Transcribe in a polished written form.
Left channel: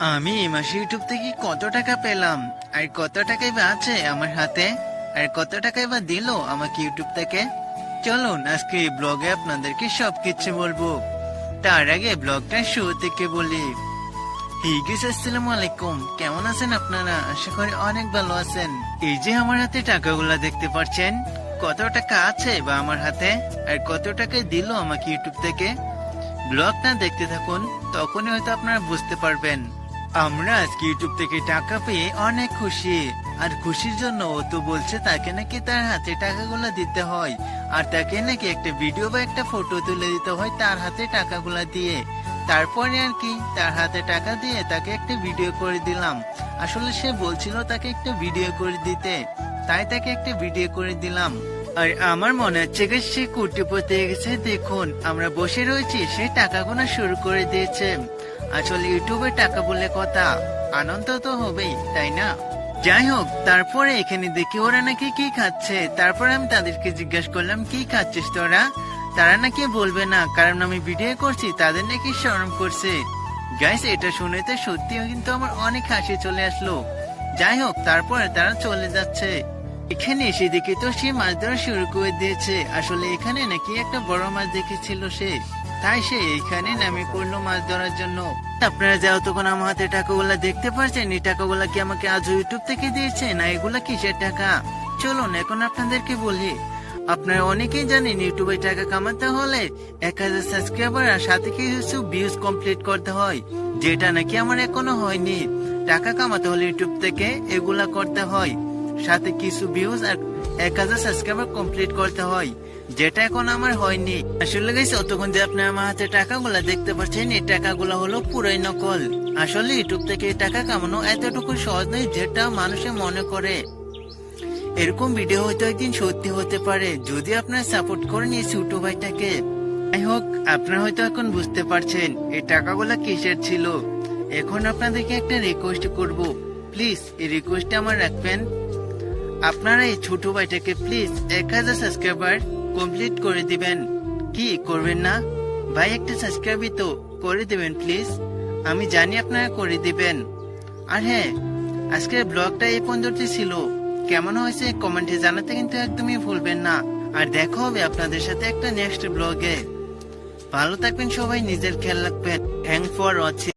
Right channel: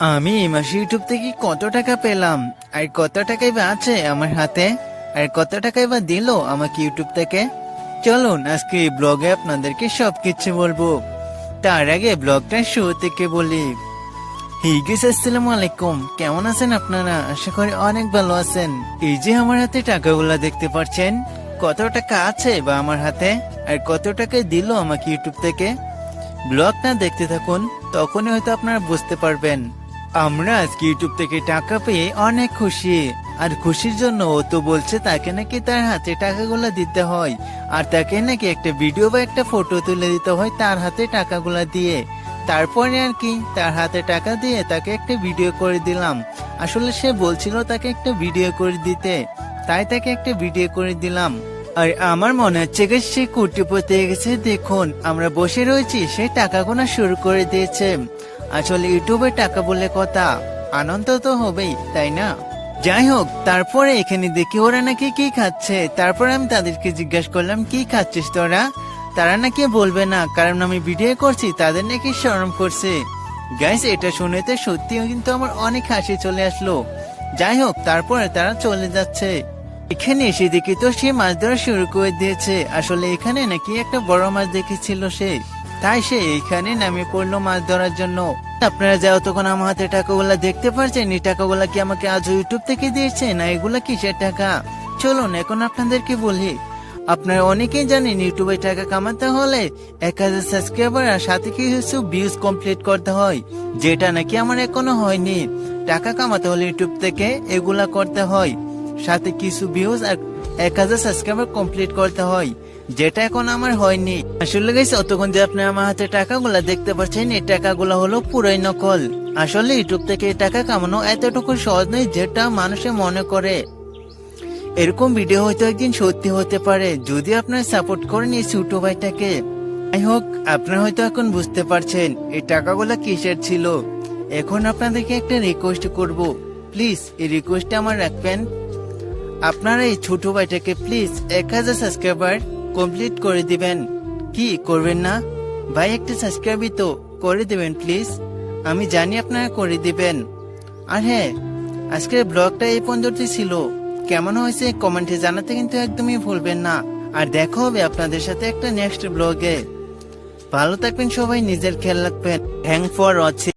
আমি এই মাসে ইউটিউব থেকে কত টাকা পেলাম, আর কত টাকাই বা আছে আমার হাতে, আর কত টাকাই বা দিল আমাকে ইউটিউব থেকে। চলুন আজকে এই ব্লগে আপনাদেরকে সবকিছু বলবো। তার আগে ব্লগটা শুরু থেকে বলি। হিগিস আসসালামু আলাইকুম, কেমন আছেন আপনারা? আশা করি অনেক ভালো আছেন। এই যে আমার হাতে টাকাগুলা দেখতে পাচ্ছেন, কত টাকা আছে বা আমার হাতে, আর কত টাকায় দিল আমাকে ইউটিউব থেকে। ব্লগটা দেখতে থাকুন, তখনই হয়তো আপনারা বুঝতে পারবেন। আমরা আজকে ইউটিউব থেকে টাকা পেয়ে অনেক খুশি। আর খুশির জন্য ও তো বলছে তাকে নাকি তার হাতে টাকাগুলো দিতে হয়, আর তাকে নাকি একটা ভিডিও বা একটা ফটো তুলে দিতে হয় তার হাতে টাকাগুলো দিয়ে। তারপরে আর কি, তার হাতে টাকা দিয়ে তাকে একটা ভিডিও করে দিলাম। আসলে সে বলছিল তাকে একটা ভিডিও করে দিতে, তাই তাকে একটা ভিডিও করে দিলাম। আর আমার মনে হচ্ছে সে কোটিপতি হয়ে গেছে। দেখুন আমরা বসে রয়েছি, সে টাকা গোনা শুরু করে দিয়েছে। আসলে ইউটিউবে টাকা বলে কথা, আনন্দ তো হবেই, তাই না? যাই হোক, তারপরে এখানে দেখি ওরা নাকি কি খাচ্ছে। তারপরে আমি তাদেরকে জিজ্ঞাসা করলাম, কি খাচ্ছিস তোরা? তারা নাকি বলবে না, কারণ আমি ভিডিও করছি, তাদের নাকি শরম করছে। গাইস, এটা শুনেতে সত্যি কিন্তু আমার অনেক হাসি চলে আসলো। যাই হোক, তারপরে তারা চলে যাচ্ছে। এখানে এসে দেখি তো সে মাছ ধরা শুরু করে দিয়েছে। আসলে এখানে নাকি একটা বড় মাছ দেখেছিল সে, তাই সে এইখানে নামে পড়লো মাছ ধরার জন্য। আপনারা যাও, তখন আমার হাতে টাকাগুলা দেখতে পাচ্ছেন। এই টাকাগুলা কি আমাকে আজ ইউটিউব থেকে দিয়েছে, না এগুলা কিসের টাকা? চলুন এখন আপনাদেরকে বলি। আপনারা অনেকেই জানেন ইউটিউবে টাকা কামাতে হলে 1000 সাবস্ক্রাইবার আর সাথে কিছু ভিউজ কমপ্লিট করতে হয়, যেটা নাকি আমার এখনো হয়নি। টাকা কামাতে হলে ইউটিউব থেকে এগুলা করতে হয়, সাথে কিছু ভিউজ আর 1000 সাবস্ক্রাইবার কমপ্লিট করতে হয়, যেটা এখন আমার হয়নি। আসলে গেছে অতক্ষণ যে আপনি আমার হাতে টাকাগুলা দেখতে পাচ্ছেন, এই টাকাগুলো হলো পুরাই নকল। আসলে ইউটিউব থেকে টাকা কামানো এতটুকু সহজ নয় যেটা মানুষে মনে করে। এরকম ভিডিও হয়তো একদিন সত্যি হতে পারে যদি আপনারা সাপোর্ট করেন এই ছোট ভাইটাকে। যাই হোক, আপনারা হয়তো এখন বুঝতে পারছেন এই টাকাগুলা কিসের ছিল। এখন আপনাদেরকে একটা রিকোয়েস্ট করব, প্লিজ এই রিকোয়েস্টটা আমার রাখবেন। আপনারা এই ছোট ভাইটাকে প্লিজ 1000 সাবস্ক্রাইবার কমপ্লিট করে দিবেন। কি করবেন না ভাই? একটা সাবস্ক্রাইবই তো করে দিবেন প্লিজ। আমি জানি আপনারা করে দিবেন। আর হ্যাঁ, আজকের ব্লগটা এই পর্যন্ত ছিল। কেমন হয়েছে কমেন্টে জানাতে কিন্তু একদমই ভুলবেন না। আর দেখা হবে আপনাদের সাথে একটা নেক্সট ব্লগে। ভালো থাকবেন সবাই, নিজের খেয়াল রাখবেন। Thank for watching.